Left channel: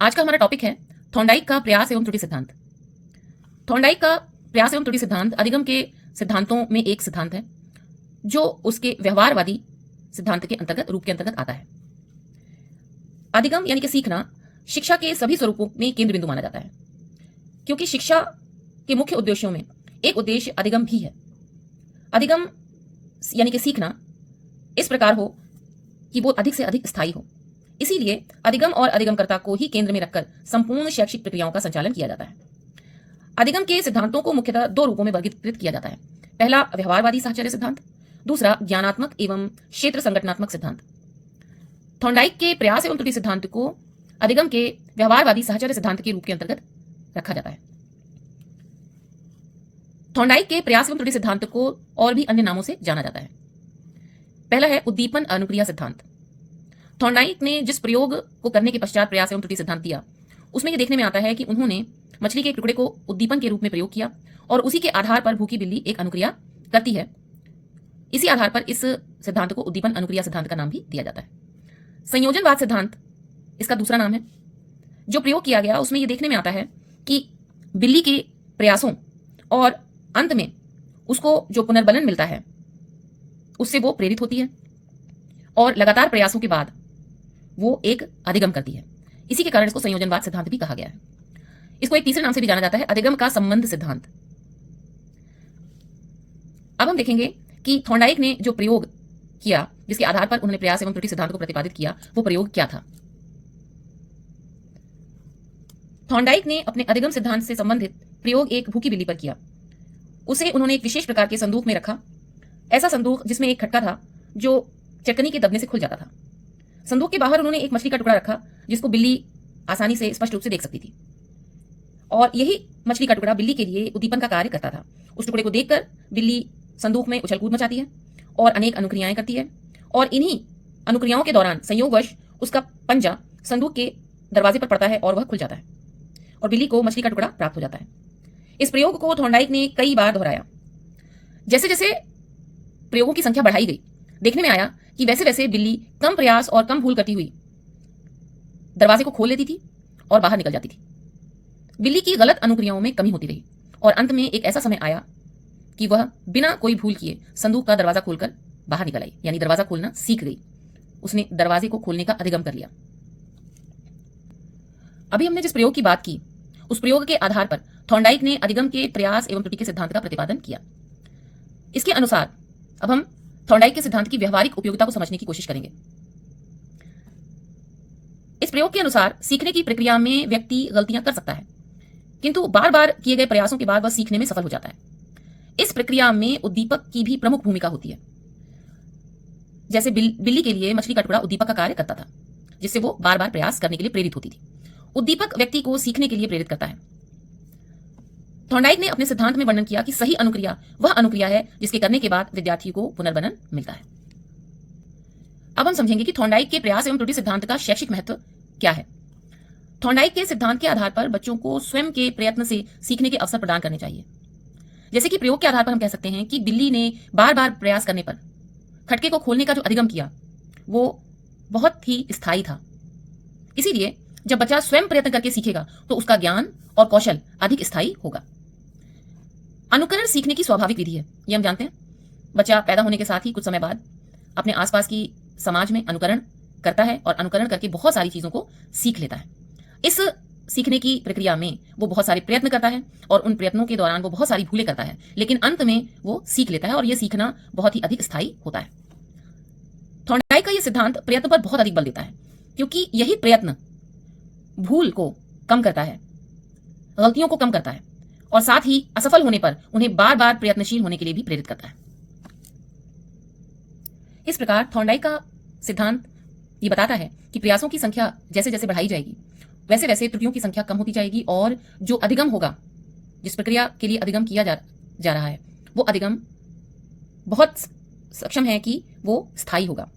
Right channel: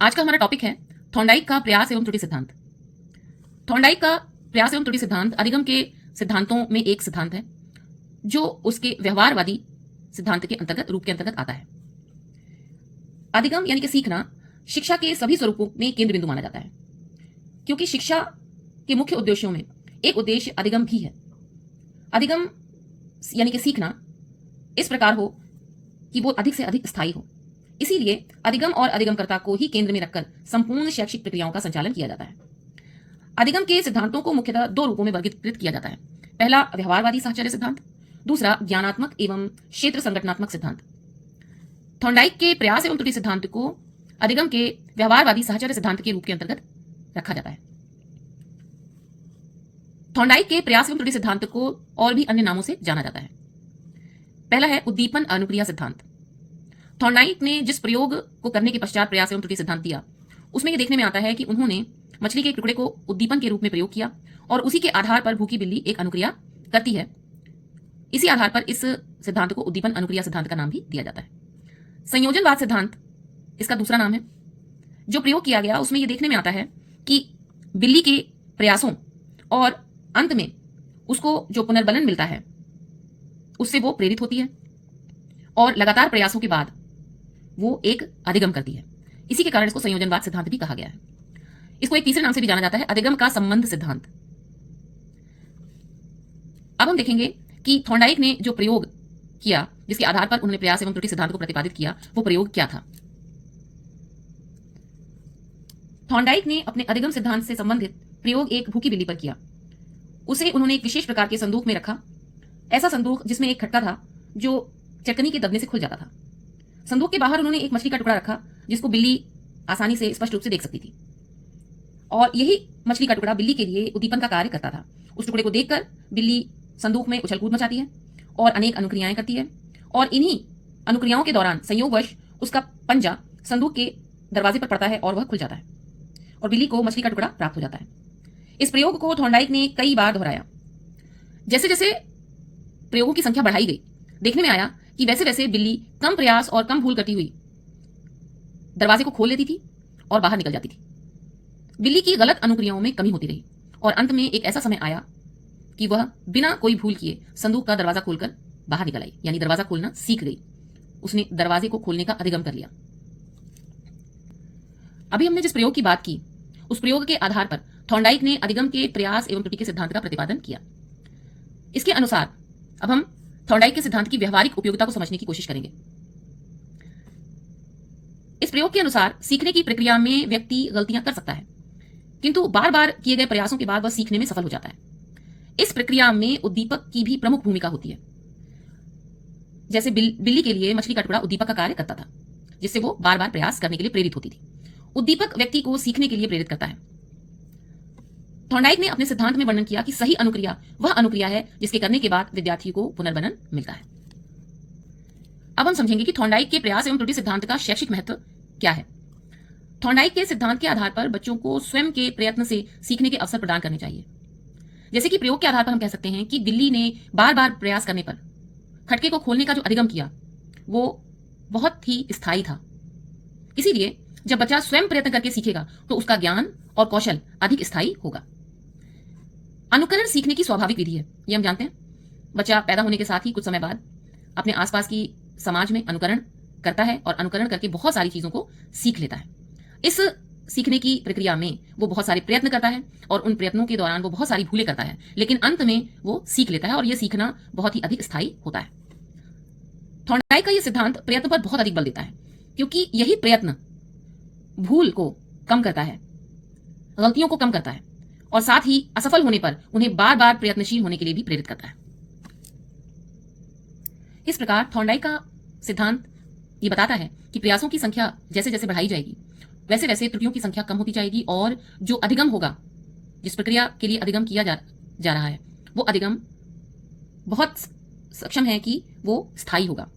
आज का हमारा टॉपिक है थॉर्नडाइक का प्रयास एवं त्रुटि सिद्धांत। थॉर्नडाइक का प्रयास एवं त्रुटि सिद्धांत अधिगम के सिद्धांतों में एक सिद्धांत है जो उसके व्यवहारवादी सिद्धांत के अंतर्गत रूप के अंतर्गत आता है। अधिगम यानी कि सीखना शिक्षा के सभी स्वरूपों में केंद्र बिंदु माना जाता है, क्योंकि शिक्षा के मुख्य उद्देश्यों में एक उद्देश्य अधिगम भी है। अधिगम यानी कि सीखना इस प्रकार हो कि वो अधिक से अधिक स्थायी हो। इसीलिए अधिगम और अधिगमकर्ता को ही केंद्र में रखकर संपूर्ण शैक्षिक प्रक्रियाओं का संचालन किया जाता है। अधिगम के सिद्धांतों को मुख्यतः दो रूपों में वर्गीकृत किया जाता है। पहला व्यवहारवादी साहचर्य सिद्धांत, दूसरा ज्ञानात्मक एवं क्षेत्र संगठनात्मक सिद्धांत। थॉर्नडाइक के प्रयास एवं त्रुटि सिद्धांत को अधिगम के व्यवहारवादी साहचर्य सिद्धांत के रूप के अंतर्गत रखा जाता है। थॉर्नडाइक के प्रयास एवं त्रुटि सिद्धांत को और भी अन्य नामों से जाना जाता है। पहला है उद्दीपन अनुक्रिया सिद्धांत। थॉर्नडाइक ने जिस प्रयोग को करने के पश्चात प्रयास एवं त्रुटि सिद्धांत दिया, उसमें यह देखने में आता है कि उन्होंने मछली के एक टुकड़े को उद्दीपन के रूप में प्रयोग किया और उसी के आधार पर भूखी बिल्ली एक अनुक्रिया करती है। इसी आधार पर इस सिद्धांत को उद्दीपन अनुक्रिया सिद्धांत का नाम भी दिया जाता है। संयोजनवाद सिद्धांत इसका दूसरा नाम है। जो प्रयोग किया गया उसमें यह देखने में आता है कि बिल्ली के प्रयासों और अंत में उसको जो पुनर्बलन मिलता है उससे वो प्रेरित होती है और लगातार प्रयासों के बाद वो एक अधिगम करती है। इसी के कारण इसको संयोजनवाद सिद्धांत भी कहा गया है। इसको एक तीसरे नाम से भी जाना जाता है, अधिगम का संबंध सिद्धांत। अब हम देखेंगे कि थॉर्नडाइक ने जो प्रयोग किया जिसके आधार पर उन्होंने प्रयास एवं त्रुटि सिद्धांत को प्रतिपादित किया, वो प्रयोग क्या था। थॉर्नडाइक ने अपने अधिगम सिद्धांत से संबंधित प्रयोग एक भूखी बिल्ली पर किया। उसे उन्होंने एक विशेष प्रकार के संदूक में रखा, ऐसा संदूक जिसमें एक खटका था जो चटकनी के दबने से खुल जाता था। संदूक के बाहर उन्होंने एक मछली का टुकड़ा रखा जिसको बिल्ली आसानी से स्पष्ट रूप से देख सकती थी, और यही मछली का टुकड़ा बिल्ली के लिए उद्दीपन का कार्य करता था। उस टुकड़े को देखकर बिल्ली संदूक में उछल कूद मचाती है और अनेक अनुक्रियाएं करती है, और इन्हीं अनुक्रियाओं के दौरान संयोगवश उसका पंजा संदूक के दरवाजे पर पड़ता है और वह खुल जाता है और बिल्ली को मछली का टुकड़ा प्राप्त हो जाता है। इस प्रयोग को थॉर्नडाइक ने कई बार दोहराया। जैसे जैसे प्रयोगों की संख्या बढ़ाई गई, देखने में आया कि वैसे वैसे बिल्ली कम प्रयास और कम भूल करती हुई दरवाजे को खोल लेती थी और बाहर निकल जाती थी। बिल्ली की गलत अनुक्रियाओं में कमी होती रही और अंत में एक ऐसा समय आया कि वह बिना कोई भूल किए संदूक का दरवाजा खोलकर बाहर निकल आई, यानी दरवाजा खोलना सीख गई। उसने दरवाजे को खोलने का अधिगम कर लिया। अभी हमने जिस प्रयोग की बात की उस प्रयोग के आधार पर थॉर्नडाइक ने अधिगम के प्रयास एवं त्रुटि के सिद्धांत का प्रतिपादन किया। इसके अनुसार अब हम थॉर्नडाइक के सिद्धांत की व्यवहारिक उपयोगिता को समझने की कोशिश करेंगे। इस प्रयोग के अनुसार सीखने की प्रक्रिया में व्यक्ति गलतियां कर सकता है, किंतु बार बार किए गए प्रयासों के बाद वह सीखने में सफल हो जाता है। इस प्रक्रिया में उद्दीपक की भी प्रमुख भूमिका होती है। जैसे बिल्ली के लिए मछली का टुकड़ा उद्दीपक का कार्य करता था, जिससे वो बार बार प्रयास करने के लिए प्रेरित होती थी। उद्दीपक व्यक्ति को सीखने के लिए प्रेरित करता है। थॉर्नडाइक ने अपने सिद्धांत में वर्णन किया कि सही अनुक्रिया वह अनुक्रिया है जिसके करने के बाद विद्यार्थी को पुनर्बलन मिलता है। अब हम समझेंगे कि थॉर्नडाइक के प्रयास एवं त्रुटि सिद्धांत का शैक्षिक महत्व क्या है। थॉर्नडाइक के सिद्धांत के आधार पर बच्चों को स्वयं के प्रयत्न से सीखने के अवसर प्रदान करने चाहिए। जैसे कि प्रयोग के आधार पर हम कह सकते हैं कि बिल्ली ने बार बार प्रयास करने पर खटके को खोलने का जो अधिगम किया वो बहुत ही स्थायी था। इसीलिए जब बच्चा स्वयं प्रयत्न करके सीखेगा तो उसका ज्ञान और कौशल अधिक स्थायी होगा। अनुकरण सीखने की स्वाभाविक विधि है, ये हम जानते हैं। बच्चा पैदा होने के साथ ही कुछ समय बाद अपने आसपास की समाज में अनुकरण करता है और अनुकरण करके बहुत सारी चीजों को सीख लेता है। इस सीखने की प्रक्रिया में वो बहुत सारे प्रयत्न करता है और उन प्रयत्नों के दौरान वो बहुत सारी भूलें करता है, लेकिन अंत में वो सीख लेता है और यह सीखना बहुत ही अधिक स्थायी होता है। थॉर्नडाइक का यह सिद्धांत प्रयत्न पर बहुत अधिक बल देता है, क्योंकि यही प्रयत्न भूल को कम करता है, गलतियों को कम करता है और साथ ही असफल होने पर उन्हें बार बार प्रयत्नशील होने के लिए भी प्रेरित करता है। इस प्रकार थॉर्नडाइक का सिद्धांत ये बताता है कि प्रयासों की संख्या जैसे जैसे बढ़ाई जाएगी वैसे वैसे त्रुटियों की संख्या कम होती जाएगी और जो अधिगम होगा, जिस प्रक्रिया के लिए अधिगम किया जा रहा है, वो अधिगम बहुत सक्षम है कि वो स्थायी होगा।